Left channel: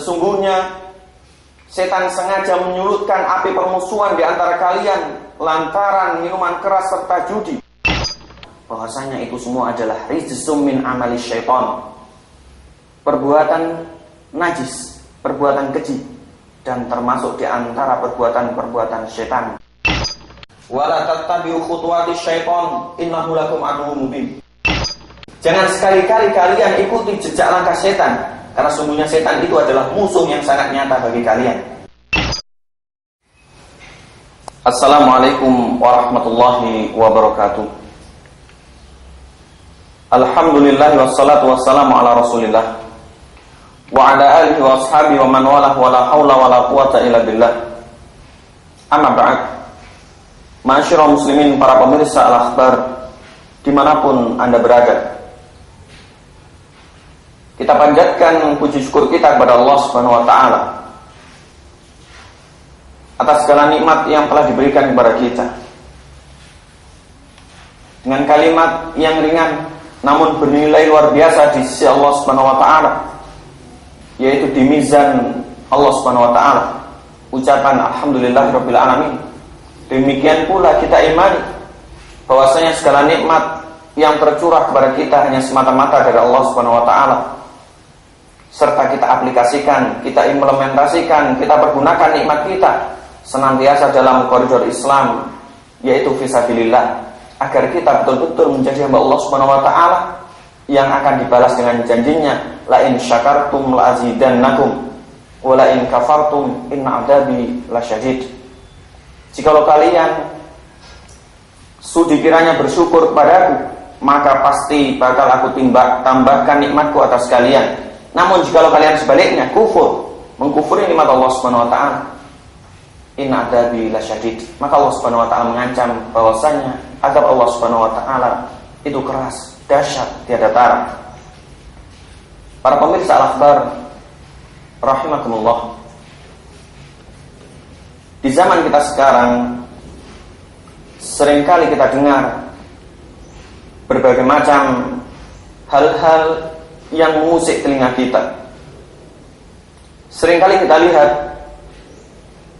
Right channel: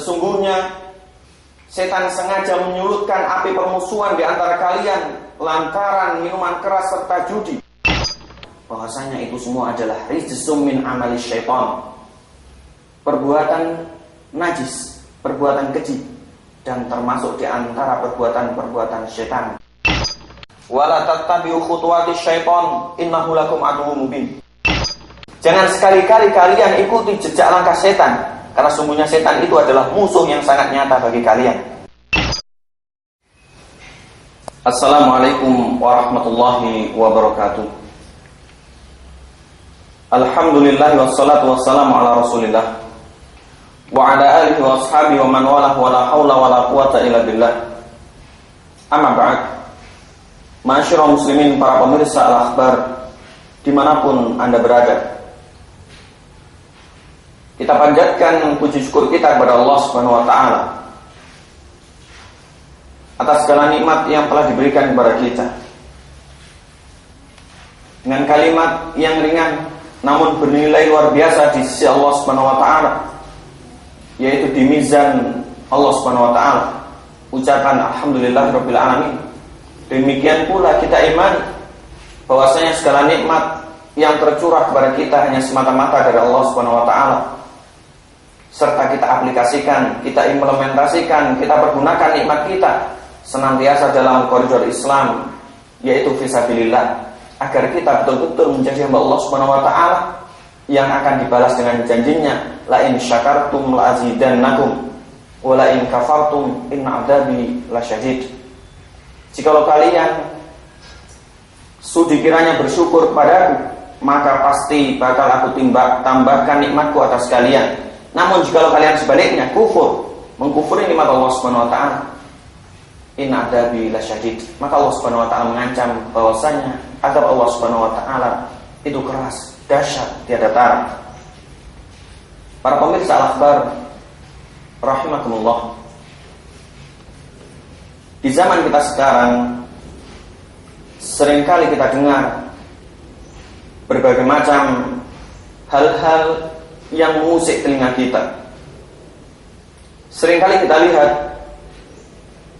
Sesungguhnya setan sengaja menyulutkan api permusuhan di antara kalian lantaran minuman keras serta judi. Bahwasanya itu semua adalah rijsum min amali syaitan, perbuatan najis, perbuatan keji, dan termasuk di antara perbuatan-perbuatan syaitan. Wala tattabi'u khutuwati syaitan innahu lakum aduwwum mubin. Jangan sekali-kali kalian ikuti jejak langkah setan, karena sungguhnya setan itu adalah musuh yang sangat nyata bagi kalian. Assalamualaikum warahmatullahi wabarakatuh. Alhamdulillah wassalatu wassalamu ala rasulillah wa ala alihi wa ashabihi wa man walah wa la hawla wa la quwata illa billah. Amma ba'd. Ma'asyiral muslimin, para pemirsa Al-Akhbar dimanapun Anda berada, kita panjatkan puji syukur kita kepada Allah Subhanahu wa ta'ala atas segala nikmat yang telah diberikan kepada kita. Dengan kalimat yang ringan namun bernilai luar biasa di sisi Allah Subhanahu wa ta'ala, yaitu di mizan Allah Subhanahu wa ta'ala, ucapan alhamdulillahirabbil alamin. Demikian pula kita imani bahwasanya segala nikmat yang tercurah kepada kita hanya semata-mata dari Allah Subhanahu wa ta'ala, serta kita aplikasikan, kita implementasikan, kita pergunakan nikmat kita senantiasa dalam koridor Islam, yaitu fisabilillah, agar kita betul-betul menjadi hamba Allah Subhanahu wa ta'ala yang akan dibalas dengan janjinya, la in syakartum la azidannakum wa la in kafartum inna adabi lasyadid. Jikalau kalian sudi kiranya bersyukur kepadaku, maka pasti bakal aku tambahkan nikmatku atas kalian. Namun jikalau kalian sebaliknya kufur, mengkufuri nikmat Allah Subhanahu wa ta'ala, inna adabi lasyadid, maka Allah Subhanahu wa ta'ala mengancam bahwasanya azab Allah Subhanahu wa ta'ala itu keras, dahsyat, tiada tara. Para pemirsa Al-Akhbar rahimakumullah, di zaman kita sekarang seringkali kita dengar berbagai macam hal-hal yang mengusik telinga kita. Seringkali kita lihat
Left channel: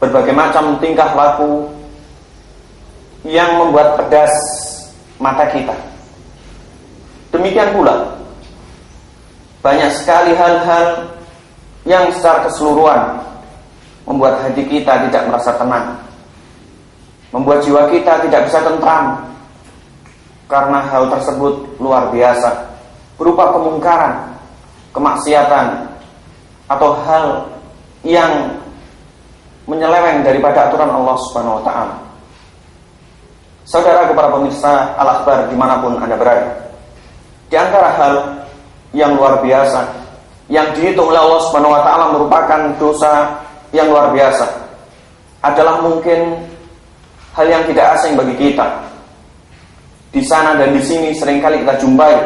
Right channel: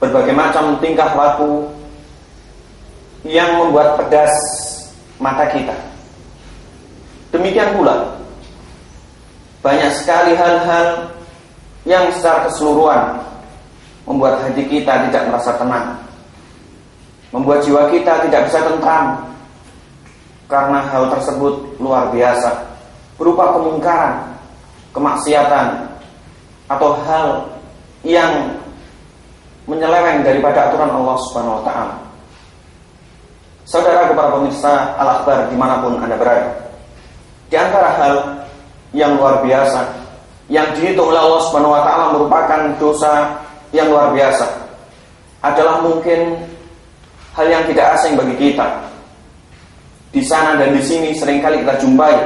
berbagai macam tingkah laku yang membuat pedas mata kita. Demikian pula banyak sekali hal-hal yang secara keseluruhan membuat hati kita tidak merasa tenang, membuat jiwa kita tidak bisa tentram, karena hal tersebut luar biasa, berupa kemungkaran, kemaksiatan, atau hal yang menyeleweng daripada aturan Allah Subhanahu wa ta'ala. Saudara para pemirsa Al-Akhbar dimanapun Anda berada, di antara hal yang luar biasa yang dihitung oleh Allah Subhanahu wa ta'ala merupakan dosa yang luar biasa adalah mungkin hal yang tidak asing bagi kita. Di sana dan di sini seringkali kita jumpai,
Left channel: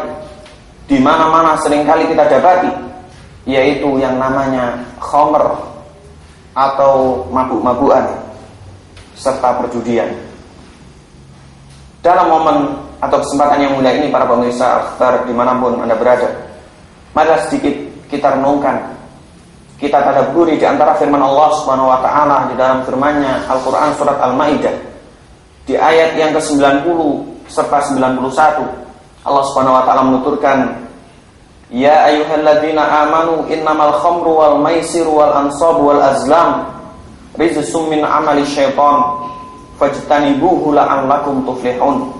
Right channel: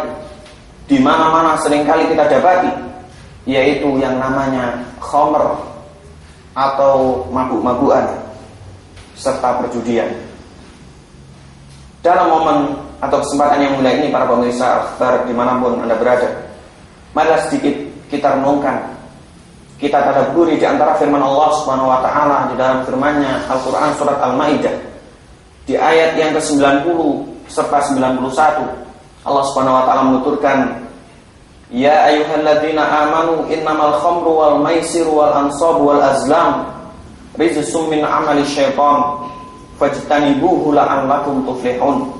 di mana-mana seringkali kita dapati, yaitu yang namanya khamr atau mabuk-mabukan serta perjudian. Dalam momen atau kesempatan yang mulia ini, para pemirsa Akhbar dimanapun Anda berada, mari sedikit kita renungkan, kita tadabburi di antara firman Allah Subhanahu wa ta'ala di dalam firman-Nya Al-Qur'an surat Al-Maidah di ayat yang ke-90 serta 91. Allah Subhanahu wa ta'ala menuturkan, ya ayyuhalladzina amanu innamal khamru wal maisiru wal ansabu wal azlam rijsum min amali syaitan fajtanibuhu la'allakum tuflihun.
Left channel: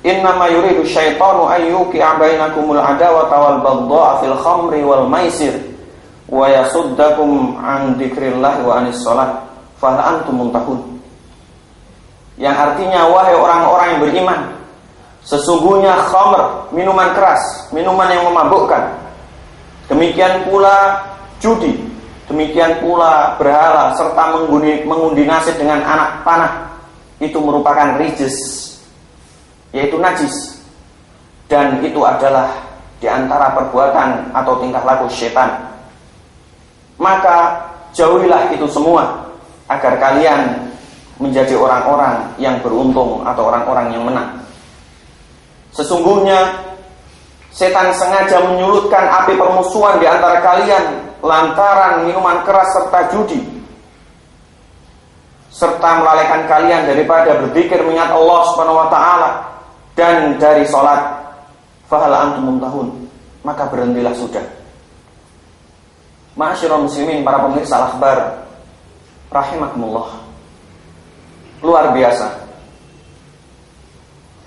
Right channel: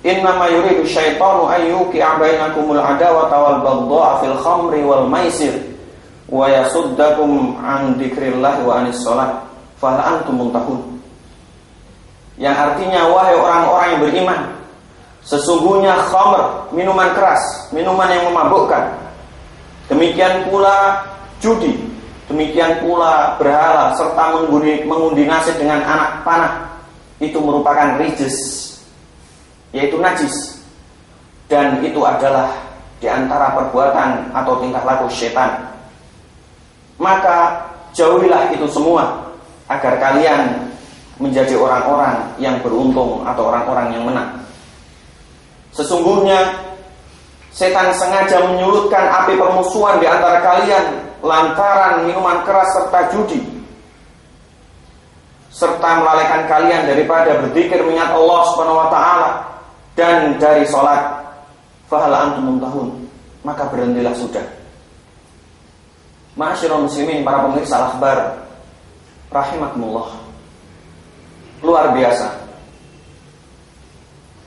Innama yuridu syaitanu an yuqi'a bainakumul adawata wal baghdha'a fil khamri wal maisir wa yasuddakum an dzikrillah wa anis shalah fa hal antum muntahun. Yang artinya, wahai orang-orang yang beriman, sesungguhnya khamr, minuman keras, minuman yang memabukkan, demikian pula judi, demikian pula berhala serta mengundi nasib dengan anak panah, itu merupakan rijs, yaitu najis, dan itu adalah di antara perbuatan atau tingkah laku syaitan. Maka jauhilah itu semua agar kalian menjadi orang-orang yang beruntung atau orang-orang yang menang. Sesungguhnya setan sengaja menyulutkan api permusuhan di antara kalian lantaran minuman keras serta judi, serta melalaikan kalian daripada berzikir mengingat Allah Subhanahu wa taala dan dari salat, fahal antum muntahun, maka berhentilah sudah. Ma'asyiral muslimin, para pemirsa al-akhbar rahimakumullah. Luar biasa.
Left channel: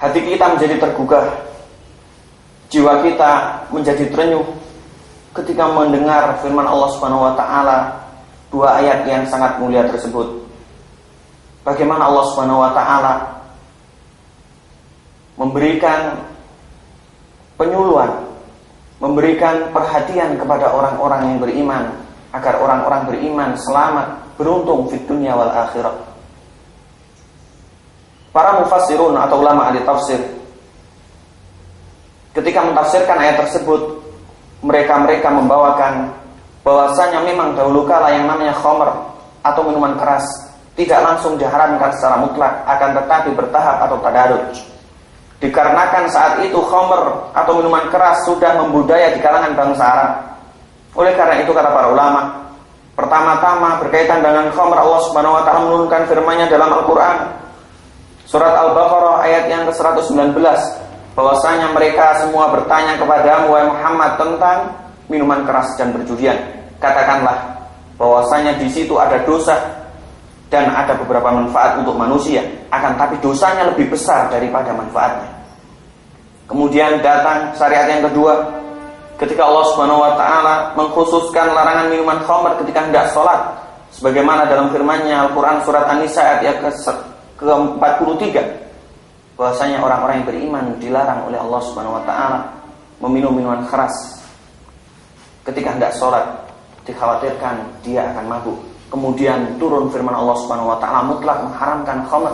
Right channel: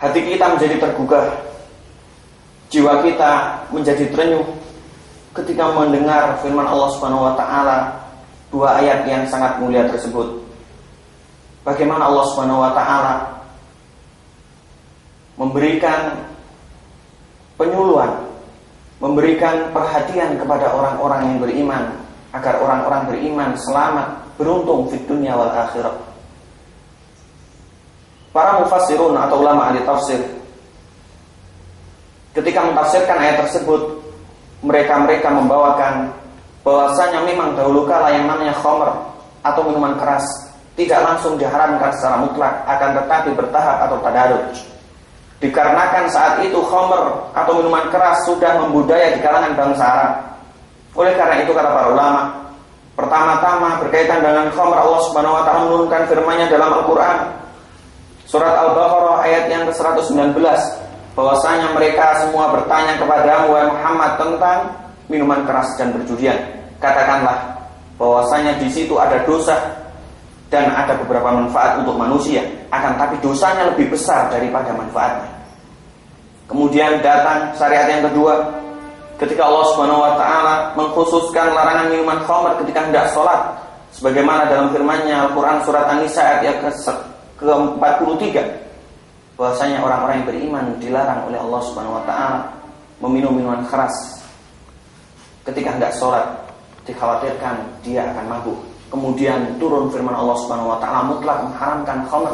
Hati kita menjadi tergugah, jiwa kita menjadi terenyuh ketika mendengar firman Allah Subhanahu wa taala, dua ayat yang sangat mulia tersebut. Bagaimana Allah Subhanahu wa taala memberikan penyuluhan, memberikan perhatian kepada orang-orang yang beriman, agar orang-orang beriman selamat, beruntung di dunia wal akhirah. Para mufassirun atau ulama ahli tafsir ketika mentafsirkan ayat tersebut, mereka membawakan bahwasanya memang dahulu kala yang namanya khamr atau minuman keras tidak langsung diharamkan secara mutlak, akan tetapi bertahap atau tadarruj. Dikarenakan saat itu khamr atau minuman keras sudah membudaya di kalangan bangsa Arab. Oleh karena itu kata para ulama, pertama-tama berkaitan dengan khamr, Allah Subhanahu wa taala menurunkan firman-Nya dalam Al-Qur'an surat Al-Baqarah ayat yang ke-119, bahwasanya mereka semua bertanya kepadamu wahai Muhammad tentang minuman keras dan perjudian. Katakanlah bahwasanya di situ ada dosa dan ada beberapa manfaat untuk manusia, akan tapi dosanya lebih besar daripada manfaatnya. Kemudian datang syariat yang kedua, ketika Allah Subhanahu wa taala mengkhususkan larangan minuman khamr ketika hendak salat, sebagaimana dalam firman-Nya Al-Qur'an surat An-Nisa ayat ke-43, bahwasanya orang-orang yang beriman dilarang oleh Allah Subhanahu wa taala meminum minuman keras ketika hendak salat, dikhawatirkan dia akan mabuk. Kemudian turun firman Allah Subhanahu wa taala mutlak mengharamkan khamr.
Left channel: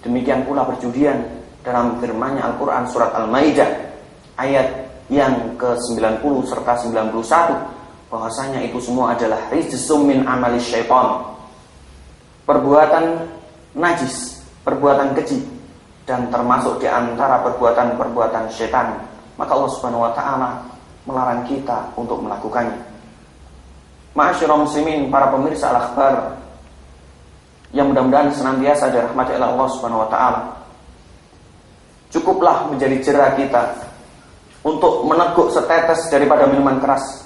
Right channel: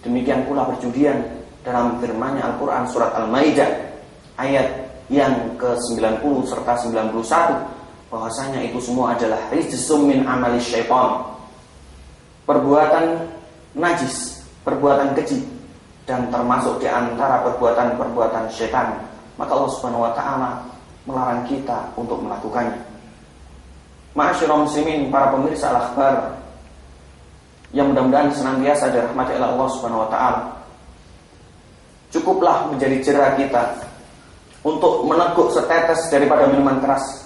Demikian pula perjudian dalam firman-Nya Al-Qur'an surat Al-Maidah ayat yang ke-90 serta 91, bahwasanya itu semua adalah rijsum min amali syaitan, perbuatan najis, perbuatan keji, dan termasuk di antara perbuatan-perbuatan syaitan. Maka Allah Subhanahu wa taala melarang kita untuk melakukannya. Ma'asyiral muslimin, para pemirsa al-akhbar yang mudah-mudahan senantiasa dirahmati oleh Allah Subhanahu wa taala, cukuplah menjadi jera kita untuk meneguk setetes daripada minuman keras.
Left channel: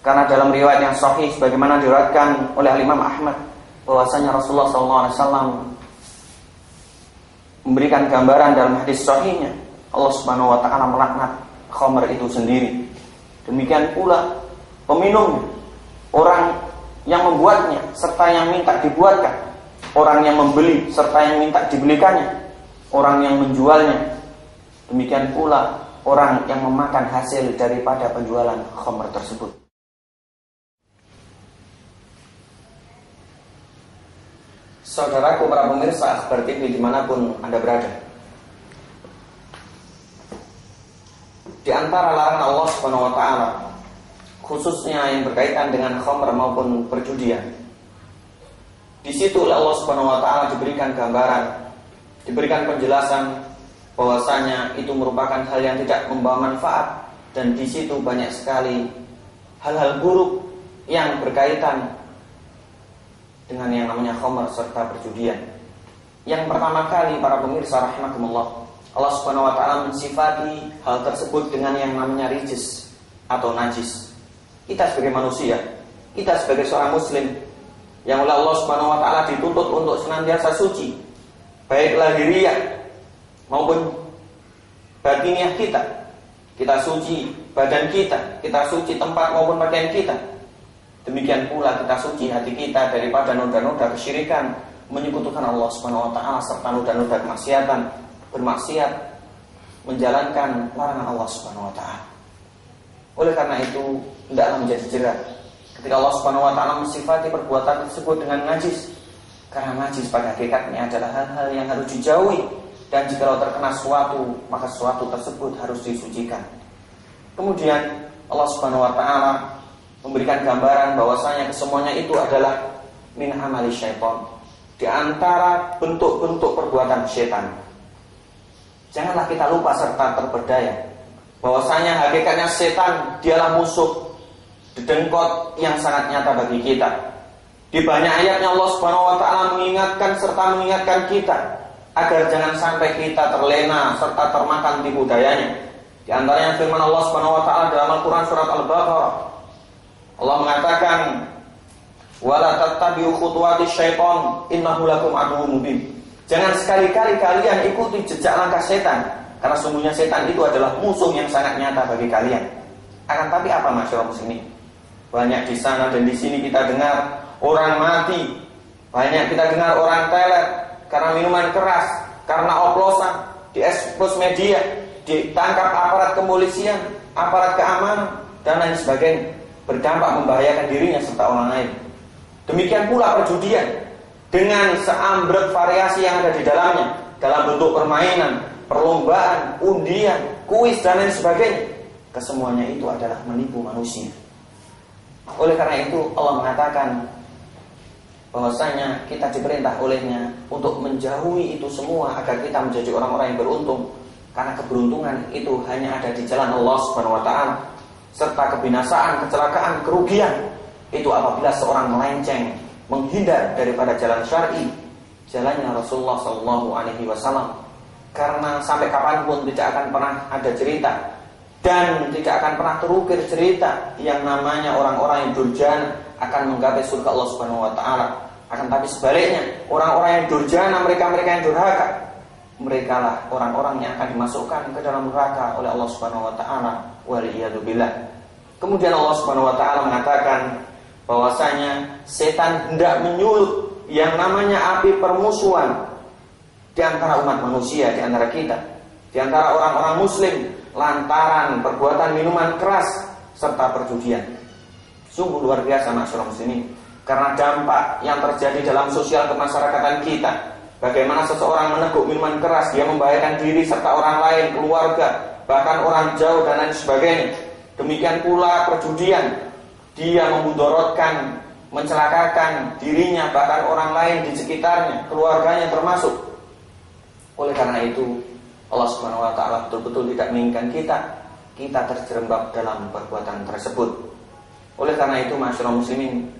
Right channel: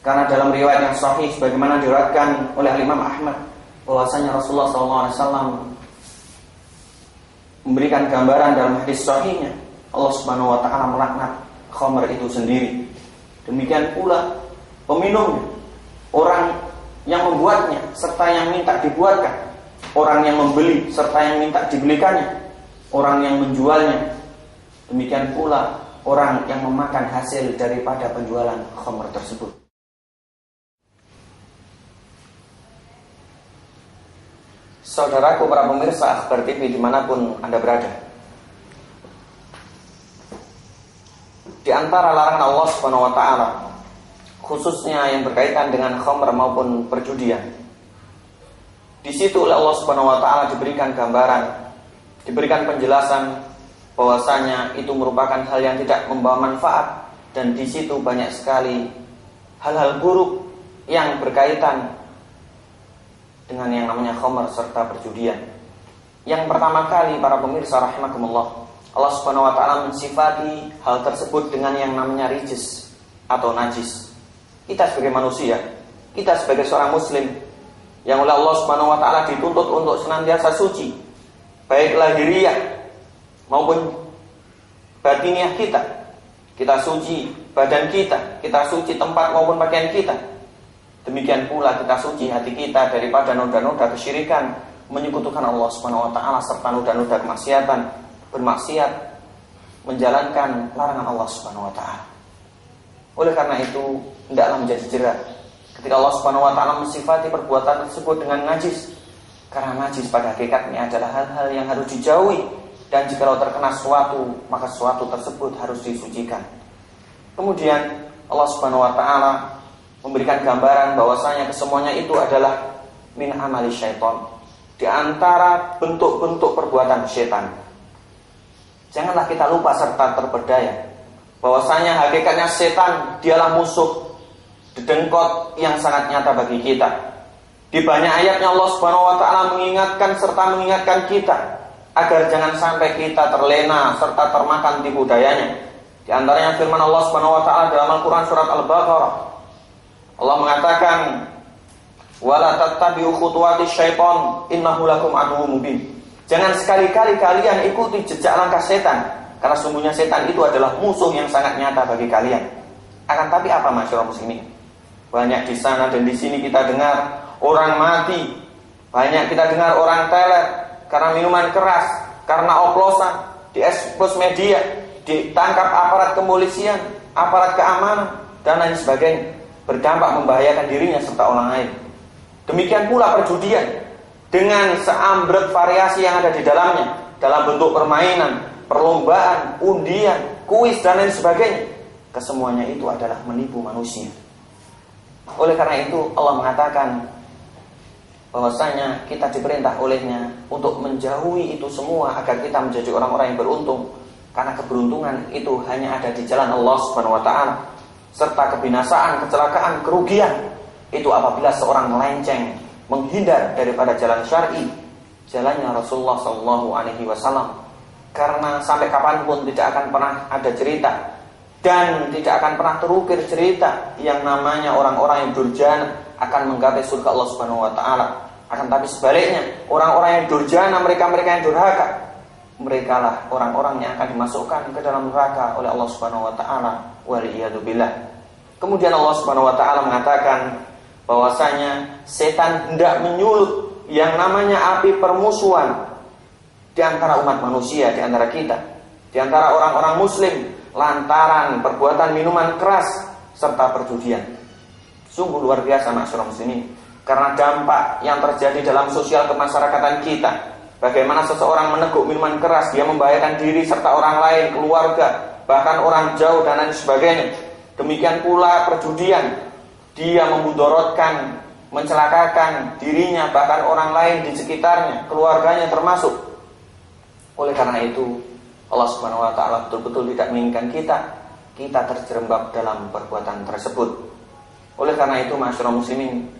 Karena dalam riwayat yang sahih sebagaimana diriwayatkan oleh Imam Ahmad, bahwasanya Rasulullah SAW memberikan gambaran dalam hadis sahihnya, Allah Subhanahu wa taala melaknat khamr itu sendiri. Demikian pula peminumnya, orang yang membuatnya serta yang minta dibuatkan, orang yang membeli serta yang minta dibelikannya, orang yang menjualnya, demikian pula orang yang memakan hasil daripada penjualan khamr tersebut. Saudaraku para pemirsa Akhbar TV dimanapun Anda berada, di antara larangan Allah Subhanahu wa taala, khususnya yang berkaitan dengan khamr maupun perjudian, di situ oleh Allah Subhanahu wa taala diberikan gambaran, diberikan penjelasan bahwasanya itu merupakan hal yang tidak membawa manfaat, dan di situ banyak sekali hal-hal buruk yang berkaitan dengan yang namanya khamr serta perjudian. Yang pertama kali para pemirsa rahimakumullah, Allah Subhanahu wa taala mensifati hal tersebut dengan yang namanya rijis atau najis. Kita sebagai manusia, kita sebagai seorang muslim yang oleh Allah Subhanahu wa taala dituntut untuk senantiasa suci, baik lahiriah maupun batiniah kita. Kita suci badan kita, kita suci tempat maupun pakaian kita. Demikian pula kita suci hati kita daripada noda-noda kesyirikan, menyekutukan Allah Subhanahu wa taala serta noda-noda kemaksiatan, bermaksiat, menjalankan larangan Allah Subhanahu wa taala. Oleh karena itu, hendaklah menjadi jera ketika Allah Subhanahu wa taala mensifati perbuatan tersebut dengan najis, karena najis pada hakikatnya adalah hal-hal yang harus dijauhi, dan jikalau terkena suatu, maka suatu tersebut harus disucikan. Kemudian Allah Subhanahu wa taala memberikan gambaran bahwasanya kesemuanya itu adalah min amali syaitan, di antara bentuk-bentuk perbuatan syaitan. Janganlah kita lupa serta terpedaya bahwasanya hakikatnya setan dialah musuh dedengkot yang sangat nyata bagi kita. Di banyak ayatnya Allah Subhanahu wa taala mengingatkan serta mengingatkan kita agar jangan sampai kita terlena serta termakan tipu dayanya. Di antaranya firman Allah Subhanahu wa taala dalam Al-Qur'an surat Al-Baqarah. Allah mengatakan, "Wala tattabi'u khutuwatis syaiton, innahu lakum aduwwum mubin." Jangan sekali-kali kalian ikuti jejak langkah setan, karena sungguhnya setan itu adalah musuh yang sangat nyata bagi kalian. Akan tapi apa masyarakat muslimin? Banyak di sana dan di sini kita dengar orang mati, banyak kita dengar orang teler karena minuman keras, karena oplosan, diekspos media, ditangkap aparat kepolisian, aparat keamanan, dan lain sebagainya, berdampak membahayakan dirinya serta orang lain. Demikian pula perjudian dengan seambrek variasi yang ada di dalamnya, dalam bentuk permainan, perlombaan, undian, kuis, dan lain sebagainya. Kesemuanya itu adalah menipu manusia. Oleh karena itu Allah mengatakan bahwasanya kita diperintah olehnya untuk menjauhi itu semua agar kita menjadi orang-orang yang beruntung. Karena keberuntungan itu hanya ada di jalan Allah Subhanahu wa taala. Serta kebinasaan, kecelakaan, kerugian itu apabila seorang melenceng, menghindar daripada jalan syar'i, jalannya Rasulullah SAW. Karena sampai kapanpun tidak akan pernah ada cerita dan tidak akan pernah terukir cerita yang namanya orang-orang yang durjana akan menggapai surga Allah Subhanahu wa taala. Akan tapi sebaliknya, orang-orang yang durjana, mereka-mereka yang durhaka, merekalah orang-orang yang akan dimasukkan ke dalam neraka oleh Allah Subhanahu wa taala. Waliyadzubillah. Kemudian Allah Subhanahu wa taala mengatakan bahwasanya setan hendak menyulut yang namanya api permusuhan di antara umat manusia, di antara kita, di antara orang-orang muslim, lantaran perbuatan minuman keras serta perjudian. Sungguh luar biasa masyarakat muslimin, karena dampak yang terjadi dalam sosial kemasyarakatan kita. Bagaimana seseorang meneguk minuman keras, dia membahayakan diri serta orang lain, keluarga, bahkan orang jauh dan lain sebagainya. Demikian pula perjudian, dia memudorotkan, mencelakakan dirinya, bahkan orang lain di sekitarnya, keluarganya termasuk. Oleh karena itu Allah Subhanahu wa taala betul-betul tidak menginginkan kita terjerembab dalam perbuatan tersebut. Oleh karena itu masyarakat muslimin,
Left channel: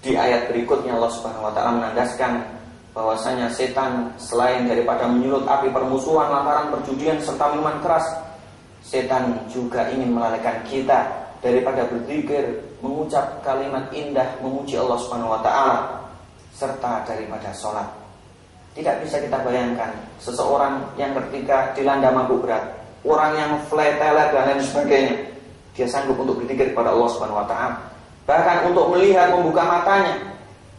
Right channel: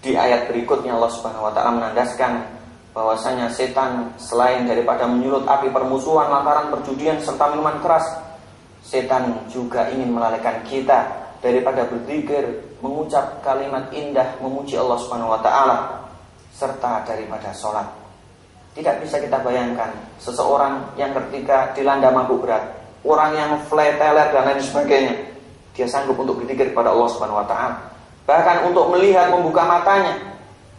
di ayat berikutnya Allah Subhanahu wa taala menandaskan bahwasanya setan selain daripada menyulut api permusuhan lantaran perjudian serta minuman keras, setan juga ingin melalaikan kita daripada berzikir, mengucap kalimat indah, memuji Allah Subhanahu wa taala, serta daripada sholat. Tidak bisa kita bayangkan seseorang yang ketika dilanda mabuk berat, orang yang fly teler dan lain sebagainya, dia sanggup untuk berzikir kepada Allah Subhanahu wa taala. Bahkan untuk melihat, membuka matanya,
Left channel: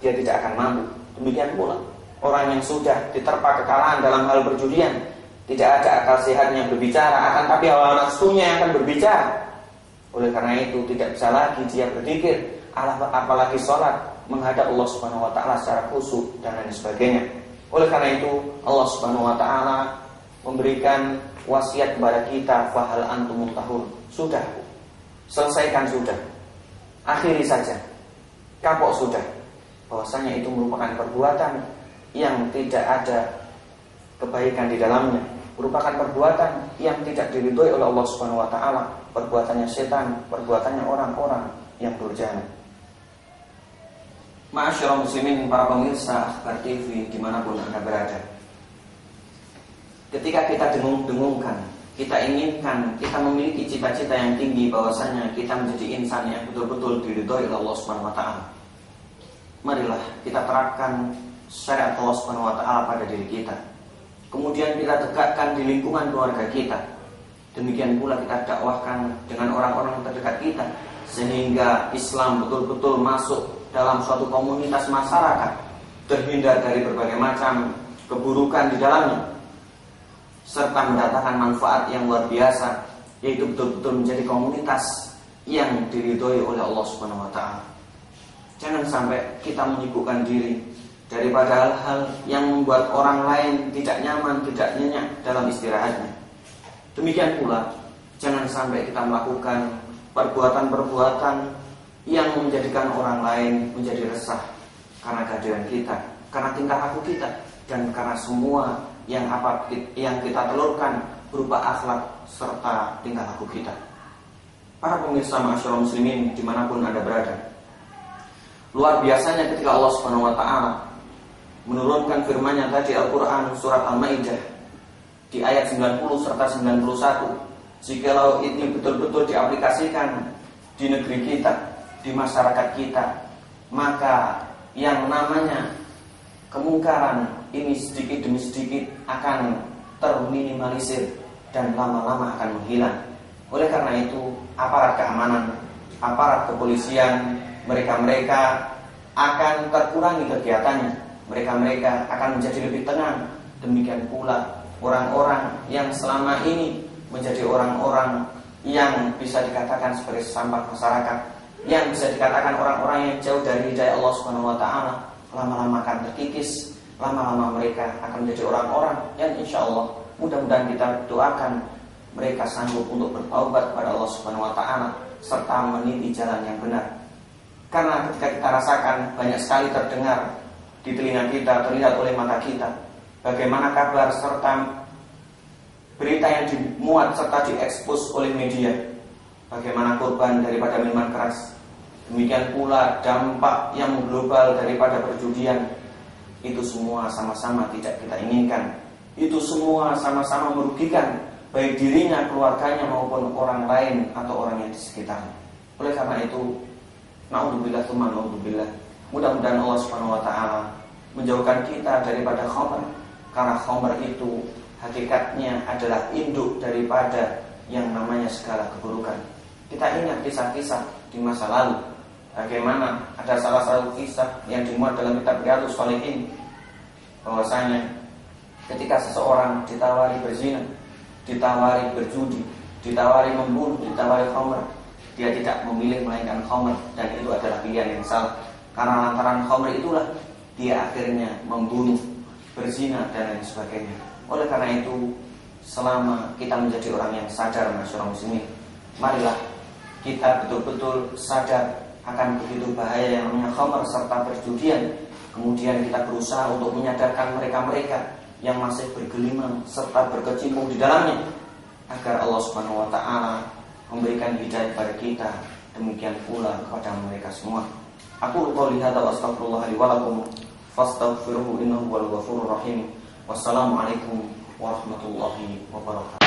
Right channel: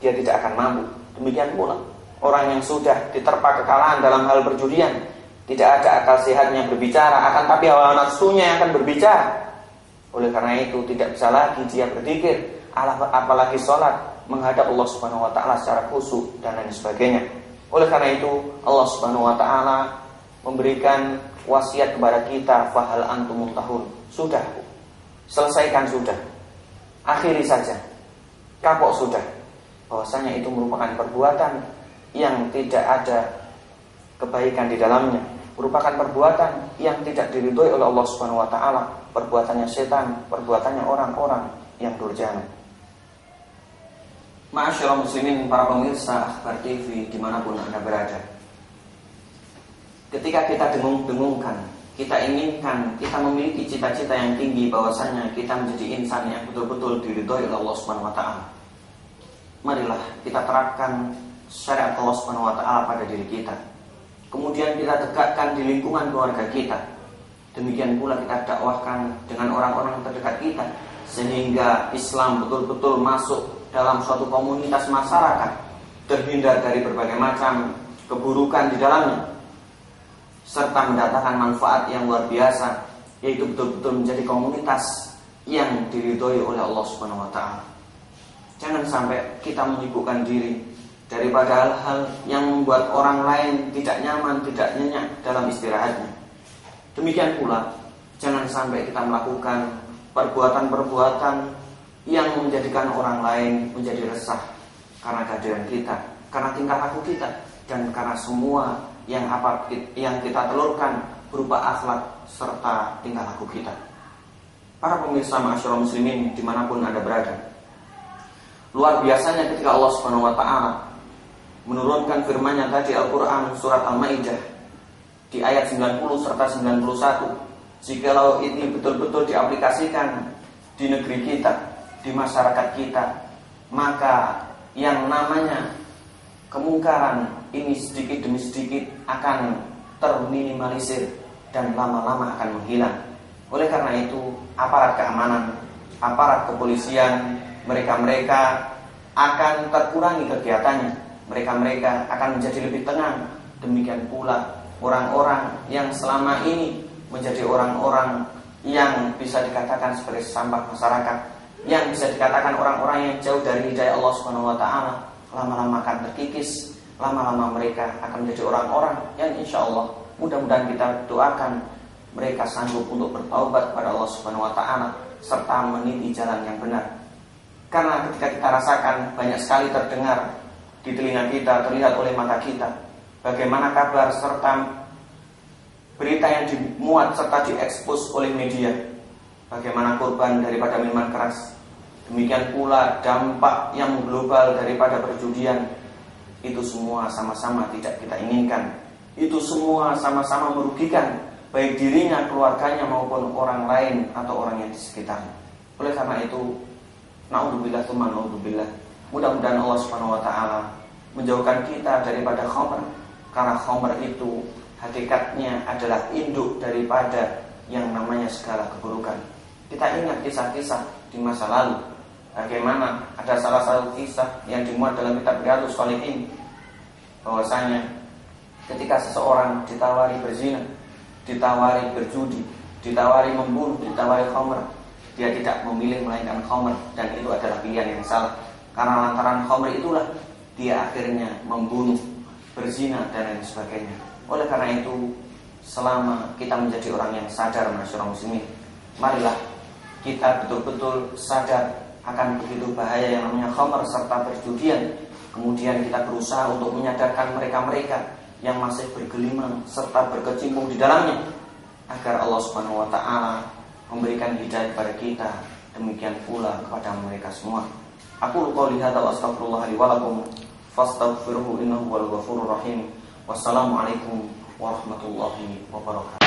dia tidak akan mampu. Demikian pula orang yang sudah diterpa kekalahan dalam hal perjudian, tidak ada akal sehatnya berbicara, akan tapi hawa nafsunya yang akan berbicara. Oleh karena itu tidak bisa lagi dia berzikir, apalagi sholat menghadap Allah Subhanahu wa taala secara khusyuk dan lain sebagainya. Oleh karena itu Allah Subhanahu wa taala memberikan wasiat kepada kita, fahal antum muntahun. Sudah, selesaikan sudah, akhiri saja, kapok sudah. Bahwasanya itu merupakan perbuatan yang tidak ada kebaikan di dalamnya, merupakan perbuatan yang tidak diridhoi oleh Allah Subhanahu wa taala, perbuatannya setan, perbuatannya orang-orang yang durjana. Ma'asyiral muslimin, para pemirsa Akhbar TV dimanapun Anda berada, ketika kita dengung-dengungkan, kita inginkan, kita memiliki cita-cita yang tinggi bahwasanya kita menjadi insan yang betul-betul diridhoi oleh Allah Subhanahu wa taala, marilah kita terapkan syariat Allah Subhanahu wa taala pada diri kita. Kemudian kita tegakkan di lingkungan keluarga kita. Demikian pula kita dakwahkan dengan orang-orang terdekat kita, sehingga Islam betul-betul masuk dalam suatu komunitas masyarakat, terhindar dari berbagai macam keburukan di dalamnya, serta mendatangkan manfaat yang luar biasa, yaitu betul-betul menjadi komunitas yang diridhoi oleh Allah Subhanahu wa taala. Jangan sampai kita menyibukkan diri daripada hal-hal yang membuat orang lain tidak nyaman, tidak nyenyak dalam istirahatnya. Demikian pula jangan sampai kita melakukan perbuatan-perbuatan yang menjadikan orang lain menjadi resah karena kehadiran kita, karena tingkah laku kita, dan karena semua yang kita telurkan berupa akhlak serta tingkah laku kita. Para pemirsa ma'asyiral muslimin dimanapun Anda berada, luar biasanya ketika Allah Subhanahu wa ta'ala menurunkan firman-Nya tadi Al-Quran surat Al-Maidah di ayat 90 serta 91. Jikalau ini betul-betul diaplikasikan di negeri kita, di masyarakat kita, maka yang namanya kemungkaran ini sedikit demi sedikit akan terminimalisir dan lama-lama akan menghilang. Oleh karena itu, aparat keamanan, aparat kepolisian, mereka-mereka akan terkurangi kegiatannya. Mereka-mereka akan menjadi lebih tenang. Demikian pula orang-orang yang selama ini menjadi orang-orang yang bisa dikatakan sebagai sampah masyarakat, yang bisa dikatakan orang-orang yang jauh dari hidayah Allah Subhanahu wa ta'ala, lama-lama akan terkikis. Lama-lama mereka akan menjadi orang-orang yang insya Allah, mudah-mudahan kita doakan mereka sanggup untuk bertaubat kepada Allah Subhanahu wa ta'ala serta meniti jalan yang benar. Karena ketika kita rasakan, banyak sekali terdengar di telinga kita, terlihat oleh mata kita, bagaimana kabar serta berita yang dimuat serta diekspos oleh media, bagaimana korban daripada minuman keras, demikian pula dampak yang global daripada perjudian. Itu semua sama-sama tidak kita inginkan. Itu semua sama-sama merugikan baik dirinya, keluarganya maupun orang lain atau orang yang di sekitarnya. Oleh karena itu, naudzubillah tsumma naudzubillah, mudah-mudahan Allah Subhanahu wa ta'ala menjauhkan kita daripada khamr. Karena khamr itu hakikatnya adalah induk daripada yang namanya segala keburukan. Kita ingat kisah-kisah di masa lalu, bagaimana ada salah satu kisah yang dimuat dalam kitab Riyadhus Shalihin, bahwasanya ketika seseorang ditawari berzina, ditawari berjudi, ditawari membunuh, ditawari khamr, dia tidak memilih melainkan khamr, dan itu adalah pilihan yang salah. Karena lantaran khamr itulah dia akhirnya membunuh, berzina dan lain sebagainya. Oleh karena itu, selama kita menjadi orang yang sadar masyarakat muslimin, marilah kita betul-betul sadar akan begitu bahaya yang namanya khamr serta perjudian. Kemudian kita berusaha untuk menyadarkan mereka-mereka yang masih bergelimang serta berkecimpung di dalamnya, agar Allah Subhanahu wa ta'ala memberikan hidayah kepada kita, demikian pula kepada mereka semua. Aku qouli hadza wa astaghfirullah li wa lakum fastaghfiruhu innahu huwal ghafurur rahim. Wassalamualaikum warahmatullahi wabarakatuh.